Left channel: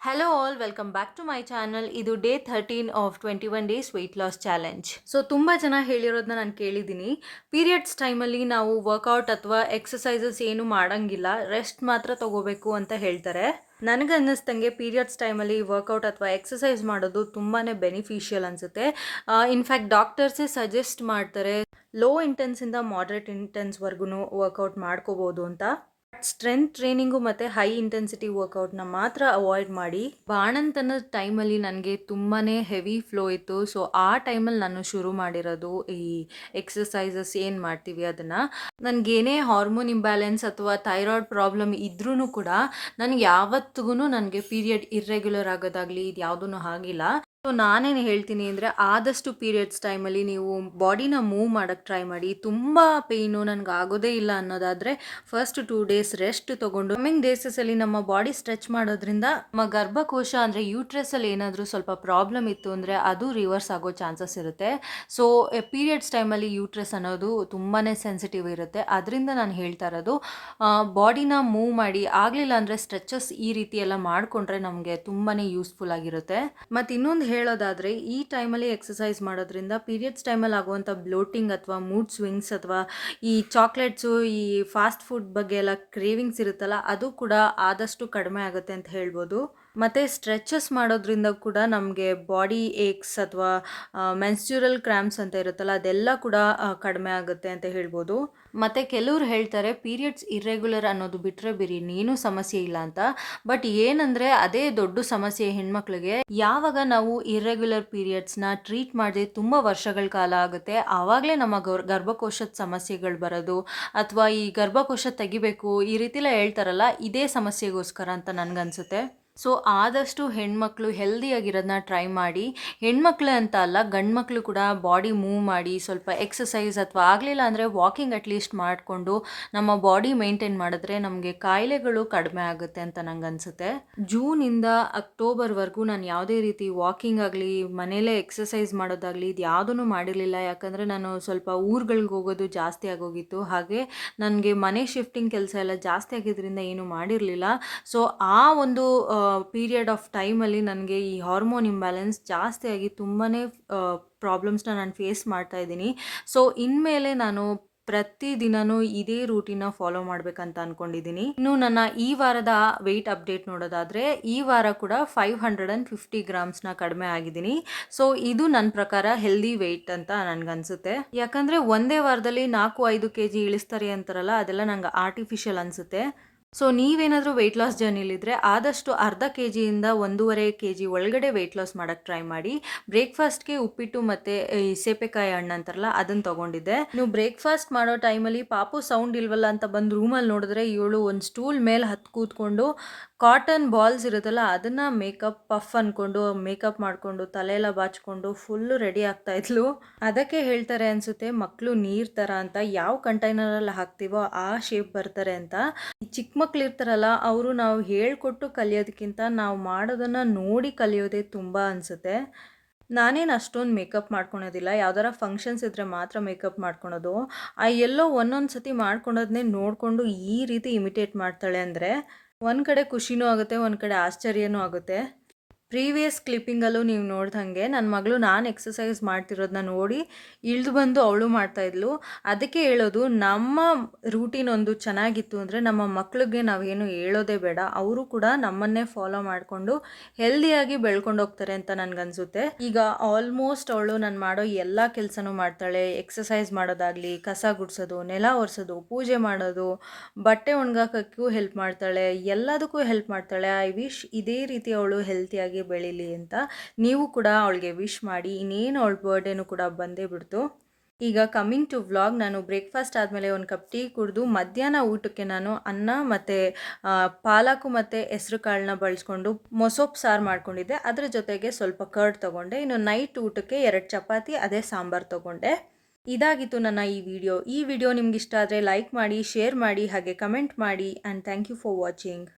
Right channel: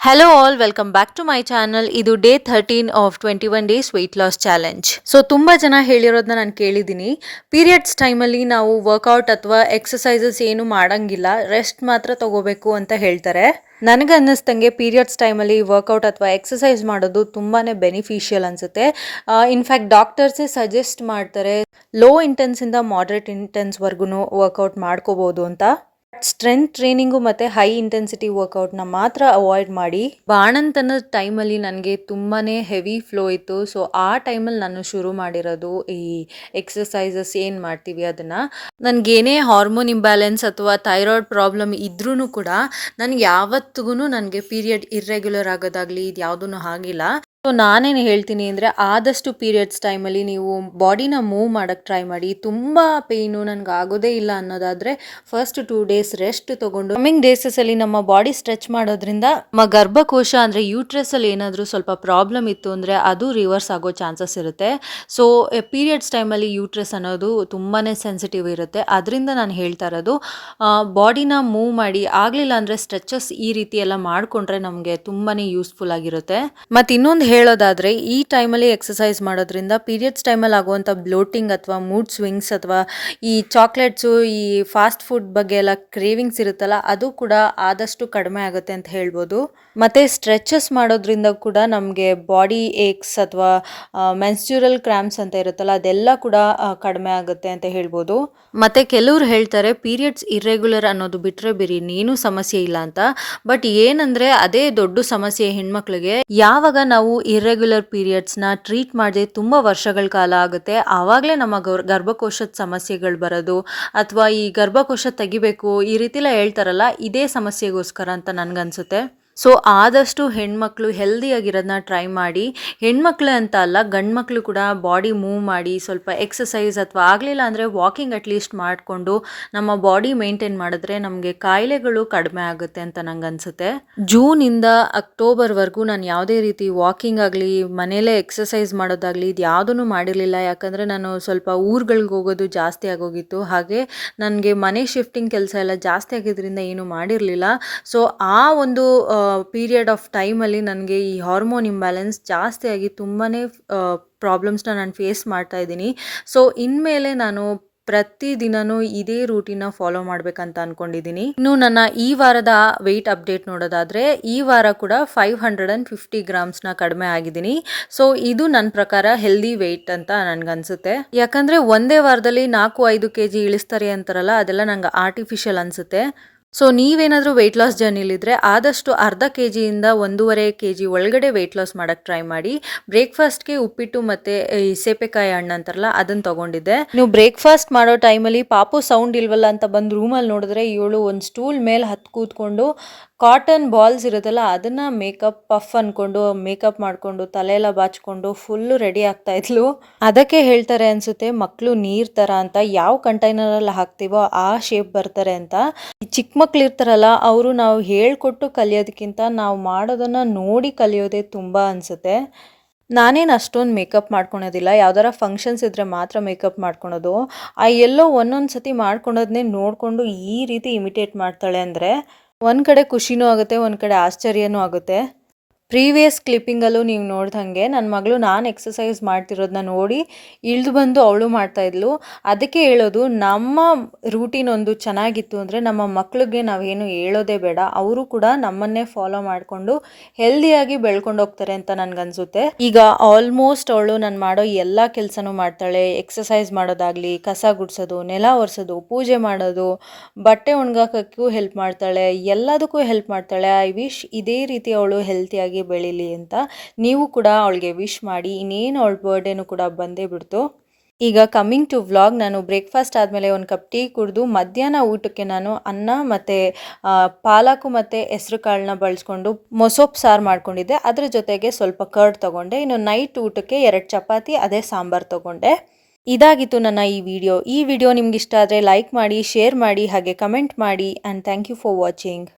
Hello all, welcome back to my channel. ಇದು day 13 of 21 days wait loss challenge. So ತುಂಬ ಜನ ಹೇಳಿರೋದನ್ನ ನಾನು ಕೇಳಿದ್ದೀನಿ. ಪೀರಿಯಡ್ಸ್ ಟೈಮಲ್ಲಿ ನಾವು ವರ್ಕೌಟ್ ಅಥವಾ ಎಕ್ಸಸೈಸಸ್ ಏನು ಮಾಡಂಗಿಲ್ಲ, ರೆಸ್ಟ್ ಮಾತ್ರ ತಗೋಬೇಕು ಅಂತ ಹೇಳ್ತಾರೆ. ನನಗೆ ಅನ್ನಿಸ್ದಂಗೆ ಪೀರಿಯಡ್ಸ್ ಟೈಮಲ್ಲಿ ವರ್ಕೌಟ್ ಅಥವಾ ಎಕ್ಸಸೈಸ್ ಮಾಡೋದು ತುಂಬಾ ಬೆನಿಫಿಷಿಯಲ್ ಅನಿಸುತ್ತೆ. ಇನ್ಫ್ಯಾಕ್ಟ್ ಡಾಕ್ಟರ್ಸೇ ಸಜೆಸ್ಟ್ ಮಾಡ್ತಾರೆ ಲೋ ಇಂಟೆನ್ಸಿಂದ ಮಾಡ್ರೇಟ್ ಇಂಟೆನ್ಸ್ವರೆಗೂ ವರ್ಕೌಟ್ ಮಾಡ್ಕೋಬೋದು ಅಂತ. ಸ್ಟ್ರೆಂತ್ ಟ್ರೈನಿಂಗು ಮತ್ತು ಹೈ ಇಂಟೆನ್ಸಿಟಿ ವರ್ಕೌಟ್ನ ಮಾತ್ರ ಅವಾಯ್ಡ್ ಮಾಡಿ. ಬಾಣಂತನದ ಟೈಮಲ್ಲಿ ನನಗೆ ತುಂಬಾ ಹೆವಿ ಫ್ಲೋ ಇತ್ತು. ಸೊ ಆ ಟೈಮಲ್ಲಿ ನಾನು ಶುರು ಮಾಡಿರೋದು ಈ ಎಕ್ಸಸೈಸಸ್ ಏನು ಮಾಡ್ತೀವಿ ಅದನ್ನು. ನನಗೇನೇ ಹಾರ್ಮೋನ್ ಇಂಬ್ಯಾಲೆನ್ಸ್ ಅಥವಾ ಥೈರಾಯ್ಡ್ ಪ್ರಾಬ್ಲಮ್ ಇದ್ರೂ ಕೂಡ ನನಗೆ ಯಾವತ್ತಿಗೂ ನನಗೆ ಪೀರಿಯಡ್ ಇರ್ರೆಗ್ಯುಲರ್ ಆಗೋದಾಗಲಿ ಇದು ಯಾವುದೂ ಆಗಿಲ್ಲ. ಸೊ ನಾನೇನು ಹೇಳ್ತೀನಿ ಅಂದರೆ ಆದಷ್ಟು ಪೀರಿಯಡ್ಸ್ ಟೈಮಲ್ಲಿ ನೀವು ಬಾಡಿನ ಮೂವ್ ಮಾಡೋಕ್ಕೆ ಟ್ರೈ ಮಾಡಿ. ತುಂಬ ಪೇಯ್ನು ನನಗೆ ಆಗೋದೇ ಇಲ್ಲ ಅನ್ನೋದಾದರೆ ಫಸ್ಟ್ 2 ಡೇಸ್ ರೆಸ್ಟ್ ತೊಗೊಂಡು ಕಮ್ಮಿಂಗ್ ಡೇಸಸಲ್ಲಿ ನಮ್ಮ ಬಾಡಿ ಸ್ಟ್ರೆಚ್ ಮಾಡೋದ್ರಿಂದ ನಮ್ಮ ಗರ್ಭಕೋಶ ಅಂದರೆ ಯೂಟ್ರಸಲ್ಲಿ ಏನಾದರೂ ಸ್ವಲ್ಪ ಪ್ರಾಬ್ಲಮ್ ಇತ್ತು ಅಂದರೆ ಅದು ರಿವರ್ಸ್ ಆಗೋ ಚಾನ್ಸಸ್ ಇರುತ್ತೆ. ಸೊ ಪೀರಿಯಡ್ಸ್ ಟೈಮಲ್ಲಿ ಯೂಟ್ರಸ್ ಅನ್ನೋದು ತುಂಬಾ ಸೆನ್ಸಿಟಿವ್ ಇರುತ್ತೆ. ಅದರಿಂದ ನಾನು ಹೇಳ್ತಾ ಇರೋದು ಬಾಡಿನ ಮೂವ್ ಮಾಡಿ. ಆಗಲಿಲ್ಲ ಅಂದರೆ ಸ್ಟ್ರೆಚಸ್ ಈ ರೀತಿ ಎಲ್ಲ ಮಾಡಿಕೊಂಡ್ರೆ ನಮಗೆ ತುಂಬಾ ಯೂಸ್ಫುಲ್ ಆಗಿರುತ್ತೆ. ಮತ್ತು ಇನ್ನೊಂದು ಹೇಳೋದಾದರೆ ಈ ಟೈಮಲ್ಲಿ ಎಕ್ಸಸೈಸ್ ಮಾಡೋದ್ರಿಂದ ಪೀರಿಯಡ್ಸ್ ಟೈಮಲ್ಲಿ ಆಗುವಂಥ ಬ್ಲೋಟಿಂಗ್ ಅಥವಾ ಮೂಡ್ ಸ್ವಿಂಗ್ಸ್ ಅಥವಾ ಈ ಚಾಕ್ಲೇಟ್ಸು ಈ ಫಾಸ್ಟ್ ಫುಡ್ ಬಗ್ಗೆ ಎಲ್ಲ ಕ್ರೇವಿಂಗ್ಸ್ ಇರುತ್ತಲ್ಲ ಅದು ಕೂಡ ಆದಷ್ಟು ಕಡಿಮೆ ಆಗುತ್ತೆ ಅಂತ ಹೇಳ್ಬೋದು. ಮತ್ತು ಸ್ಟ್ರೆಚಸ್ ಮಾಡೋದ್ರಿಂದ ಕೂಡ ನಮಗೆ ಬಾಡಿ ಏಕ್ಸ್ ಅಥವಾ ಮೆನ್ಸ್ಚುರಲ್ ಕ್ರ್ಯಾಂಪ್ಸ್ ಅಂತ ಇರುತ್ತಲ್ಲ ಅದೆಲ್ಲ ಕೂಡ ಕಡಿಮೆ ಆಗುತ್ತೆ ಅಂತ ಹೇಳ್ಬೋದು. ಮತ್ತು ಕೆಲವ್ರು ಹೇಳ್ತಾರೆ ಪೀರಿಯಡ್ಸ್ ಇರ್ರೆಗ್ಯುಲರ್ ಅನ್ನೋದು ಬಿಟ್ಟರೆ ಬೇರೆ ಇನ್ನೇನು ಸಮಸ್ಯೆ ಇಲ್ಲ ಅಂತ. ಬಟ್ ಏನಂದರೆ ಅದೇ ದೊಡ್ಡ ಸಮಸ್ಯೆ ಹೆಣ್ಮಕ್ಳಿಗೆ. ಯಾವಾಗ ನಾವು ಇರ್ರೆಗ್ಯುಲರ್ ಪೀರಿಯಡ್ಸ್ನ ಟ್ರೀಟ್ ಮಾಡದೆ ತುಂಬ ವರ್ಷಗಳ ಕಾಲ ಆಗುತ್ತೆ, ಆವಾಗಲೇ ನಮ್ಮ ಗರ್ಭಕೋಶದ ಸಮಸ್ಯೆಗಳು ಬರೋದು ಅಥವಾ ಈ ಗರ್ಭಕೋಶ ತೆಗಿಬೇಕು ಈ ರೀತಿ ಎಲ್ಲ ಹೇಳ್ತಾರಲ್ಲ, ಇದೇ ಸಮಸ್ಯೆಗೋಸ್ಕರ ಅಂತ ನನಗನ್ಸುತ್ತೆ. ಸೊ ಆದಷ್ಟು ಹೆಣ್ಮಕ್ಳು ಹೆಲ್ದಿಯಾಗಿರೋದನ್ನ ಟ್ರೈ ಮಾಡಿ. ಹೆಣ್ಮಕ್ಳು ಅಂತ ಅಲ್ಲ, ಗಂಡು ಮಕ್ಕಳು ಕೂಡ ಬಾಡಿ ಮೂವ್ ಮಾಡಿ ಸ್ವಲ್ಪ ಎಕ್ಸಸೈಸ್ ಅಥವಾ ಆಗಲಿಲ್ಲ ಅಂದರೆ ವಾಕಿಂಗ್ ಅಟ್ಲೀಸ್ಟ್ ಮಾಡಿಕೊಂಡು ನಮ್ಮ ಬಾಡಿ ಮೇಂಟೈನ್ ಮಾಡಿದ್ರೆ ನಮಗೆ ಕಾಯಿಲೆಗಳು ಕಡಿಮೆ ಆಗುತ್ತೆ ಅಂತ ನಂಗೆ ಅನಿಸುತ್ತೆ. ಜೂನಿಂದ ಅಕ್ಟೋಬರ್ವರೆಗೂ ನಾನು ಯಾವುದೇ ರೀತಿ ವಾಕಿಂಗ್ ಆಗಲಿ ಮನೇಲೇ ಎಕ್ಸಸೈಸ್ ಮಾಡೋದಾಗಲಿ ಇದು ಯಾವುದೂ ಮಾಡಿರಲಿಲ್ಲ. ಯಾಕಂದರೆ ನಾನು ಸ್ವಲ್ಪ ಊರುಗಳಿಗೆ ಹೋಗೋದು ಜಾಸ್ತಿ ಆಗೋಗಿತ್ತು. ಹಾಗೆ ನನಗೆ ಮನೆ ಶಿಫ್ಟಿಂಗ್ ಕೆಲಸ ಎಲ್ಲ ಜಾಸ್ತಿ ಆಗಿದ್ದರಿಂದ ಏನೂ ಮಾಡಿರಲಿಲ್ಲ. ಸೊ ಆ ಒಂದು ಪೀರಿಯಡ್ ಆಫ್ ಟೈಮಲ್ಲಿ ನನಗೆ ಈ ಹಾರ್ಮೋನ್ ಇಂಬ್ಯಾಲೆನ್ಸ್ ಜಾಸ್ತಿಯಾಗಿ ತುಂಬಾ ಪ್ರಾಬ್ಲಮ್ಸ್ನ ನಾನು ಫೇಸ್ ಮಾಡ್ತಾ ಇದ್ದೀನಿ. ಸೊ ಇನ್ಮೇಲೆ ನಾನು ಪ್ರತಿದಿನವೂ ಇದೇ ರೂಟೀನ ಫಾಲೋ ಮಾಡಬೇಕಂತ ಅಂದ್ಕೊಂಡಿದ್ದೀನಿ. ಇನ್ನು ನನ್ನ ಈ ವಾರದ ವೆಯ್ಟ್ ಅಪ್ಡೇಟ್ ನೋಡೋದಾದರೆ ಈ ವಾರ ಕೂಡ 550 ಗ್ರಾಮ್ಸ್ನ ಕಡಿಮೆ ಆಗಿದ್ದೀನಿ. ಸೊ ಇದು ನನ್ನ ಪ್ರಕಾರ ಹೆಲ್ದಿ ವೆಯ್ಟ್ ಅಂತ ನನಗನ್ಸುತ್ತೆ. ಯಾಕಂದರೆ ಒಂದೇ ವಾರದಲ್ಲಿ 4-5 kg ಇಳಿಸ್ತಾರೆ ಅಂತಾರಲ್ಲ, ಅದೆಲ್ಲ ನಂಗೆ ಆರ್ಟಿಫಿಷಿಯಲ್ ಅನಿಸುತ್ತೆ. ಸೊ ನೀವೇನಾದರೂ ವೆಯ್ಟ್ ಲಾಸ್ ಜರ್ನಿಲಿದ್ದರೆ ಆದಷ್ಟು ಅರ್ಧ KGಯಿಂದ 1.5 kg ಒಳಗಡೆ ವೆಯ್ಟ್ ಲಾಸ್ ಮಾಡೋಕ್ಕೆ ಟ್ರೈ ಮಾಡಿ. ಬ್ರೇಕ್ಫಾಸ್ಟ್ಗೆ ಉಪ್ಪಿಟ್ಟು ಮತ್ತು ಈ ಸೇಪೆಕಾಯಿ ಹಣ್ಣು ಅಂತಾರಲ್ಲ ಅದನ್ನು ತೊಗೊಂಡಿದ್ದೆ. ನೀವು ಬ್ರೇಕ್ಫಾಸ್ಟ್ ಮಾಡೋ ಟೈಮಲ್ಲಿ ಪಾಪು ಸೌಂಡ್ ಇಲ್ವಲ್ಲ ಅಂತ ಬಂದು ರೂಮಲ್ಲಿ ನೋಡಿದ್ರೆ ಇವಳು ಒಂದು ಸ್ಟೂಲ್ ಮೇಲೆ ಹತ್ತು ಕೂತ್ಕೊಂಡು ಕಾಟನ್ ಬಾಲ್ಸ್ ಇರುತ್ತಲ್ಲ ಅದನ್ನು ಮೇಕಪ್ ಪಫ್ ಅಂದ್ಕೊಂಡು ಮೇಕಪ್ ಮಾಡಿಕೊಂಡು ತಲೆಯೆಲ್ಲ ಬಾಚಿಕೊಂಡು ಫುಲ್ಲು ರೆಡಿ ಆಗ್ತಾಯಿದ್ಲು. ಅದಕ್ಕೆ ಹೇಳ್ತಾರೆ ಅನಿಸುತ್ತೆ ಮಕ್ಕಳು ನೀರು ಥರ ಅಂತ. ಯಾವ ಕಂಟೈನರಲ್ಲಿ ಹಾಕ್ತೀವೋ ಆ ಶೇಪ್ ಬರ್ತಾರೆ ಅಂತ. ಚಿಕ್ಕ ಮಕ್ಳು ಇರ್ತಾರಲ್ಲ ಅವರು ನಾವು ಹೇಳ್ಕೊಟ್ಟು ಕಲಿಯೋದಕ್ಕಿಂತ ನಾವು ಮಾಡೋದನ್ನು ನೋಡಿ ಕಲಿಯೋದೇ ತುಂಬ ಅನಿಸುತ್ತೆ. ನಾನೇನು ಅಷ್ಟೊಂದು ಮೇಕಪ್ ಮಾಡ್ಕೊಳೋದಿಲ್ಲ. ಯಾವ್ದಾರ ಫಂಕ್ಷನ್ಸ್ ಇದ್ದರೆ ಮಾತ್ರ ಮೇಕಪ್ ಮಾಡ್ಕೊಳೋದು. ಎಲ್ಲೋ ಒಂದೊಂದು ಸತಿ ಮಾಡ್ಕೊಳೋದನ್ನೇ ನೋಡಿಕೊಂಡು ಈ ರೀತಿ ಇಮಿಟೇಟ್ ಮಾಡ್ತಾಳೆ ಅಂದರೆ ಒಂದು ಕಡೆ ಖುಷಿನೂ ಆಗುತ್ತೆ, ಒಂದು ಕಡೆ ಆಶ್ಚರ್ಯನೂ ಆಗುತ್ತೆ. ಪ್ರೀವಿಯಸ್ ಕ್ಲಿಪ್ಪಿಂಗಲ್ಲೂ ನೀವು ನೋಡ್ದಂಗೆ ನನ್ನ ಮಗಳು ನಾನು ಎಕ್ಸಸೈಸ್ ಮಾಡ್ತಿರೋದನ್ನ ನೋಡಿ ಇಳಿದು ಬಂದು ಅವಳು ಮಾಡ್ತಾಯಿದ್ಲು. ಅದಕ್ಕೆ ಹೇಳೋದು ನಮ್ಮ ರೂಟೀನ್ ಒಂದು ಚೆನ್ನಾಗಿತ್ತು ಅಂದರೆ ನಮ್ಮ ಮಕ್ಕಳಿಗೆ ನಾವೇನು ಹೇಳೋದೇ ಬೇಡ, ಅವರು ಕೂಡ ನಮ್ಮನ್ನೇ ಫಾಲೋ ಮಾಡಿಕೊಂಡು ಹೆಲ್ದಿಯಾಗಿ ಬೆಳ್ಕೊಂಡು ಹೋಗ್ತಾರೆ ಅಂತ ನನಗನ್ಸುತ್ತೆ. ಈಗ ಆಲ್ಮೋಸ್ಟ್ ಅವಳು ನಾನು ಮಾಡೋ ಎಲ್ಲ ಕೆಲಸನೂ ಮಾಡ್ತಾಳೆ. ಎಕ್ಸಸೈಸ್ ಮಾಡೋದಾಗಲಿ, ಕಸ ಗುಡಿಸೋದು, ನೆಲ ಒರೆಸೋದು, ಪೂಜೆ ಮಾಡೋದು, ಬಟ್ಟೆ ಒಣಗಾಕೋಕ್ಕೂ ಹೆಲ್ಪ್ ಮಾಡ್ತಾಳೆ, ಎಲ್ಲದಕ್ಕೂ ಹೆಲ್ಪ್ ಮಾಡ್ತಾಳೆ. ಐ ವಿಶ್ ಇದೇ ರೀತಿ ಅವಳು ಹೆಲ್ತಿಯಾಗಿ ಬೆಳೀಲಿ ಅಂತ ನೀವು ಕೂಡ ಅವಳಿಗೆ ವಿಶ್ ಮಾಡಿ. ಇನ್ನೇನು ಅವಳ ಬರ್ಡೇನೂ ಕೂಡ ಬಂದೇ ಬಿಡ್ತು. ಈಗ ಕಮ್ಮಿಂಗ್ ಟು ವ್ಲಾಗ್, ನಾನು ಬ್ರೇಕ್ಫಾಸ್ಟ್ ಆದಮೇಲೆ ಒಂದು ಕಪ್ ಟೀ ಕುಡಿದು ಮಧ್ಯಾಹ್ನ ಊಟಕ್ಕೆ ನಾನು ಅನ್ನ ಮತ್ತು ಪಾಲಕು ಮತ್ತು ಹೆಸ್ರು ಕಾಳನ್ನ ಬಳಸ್ಕೊಂಡು ಮೊಸೊಪ್ಪು ಸಾರು ಮಾಡ್ಕೊಂಡಿದ್ದೆ. ಅದ್ರ ಜೊತೆಗೆ ಸ್ವಲ್ಪ ಕರ್ಡ್ ತೊಗೊಂಡೆ. ಇನ್ನು ನೈಟ್ ಊಟಕ್ಕೆ 2 ಚಪಾತಿ ಅದೇ ಸಾಂಬಾರು ತೊಗೊಂಡೆ. ಇದಾಗಿತ್ತು ನನ್ನ ಈ ವಿಡಿಯೋ ನಿಮ್ಗೆ ಇಷ್ಟ ಆದರೆ ಲೈಕ್ ಮಾಡಿ, ಶೇರ್ ಮಾಡಿ, ಹಾಗೆ ಕಮೆಂಟ್ ಮಾಡಿ. And thank you for watching.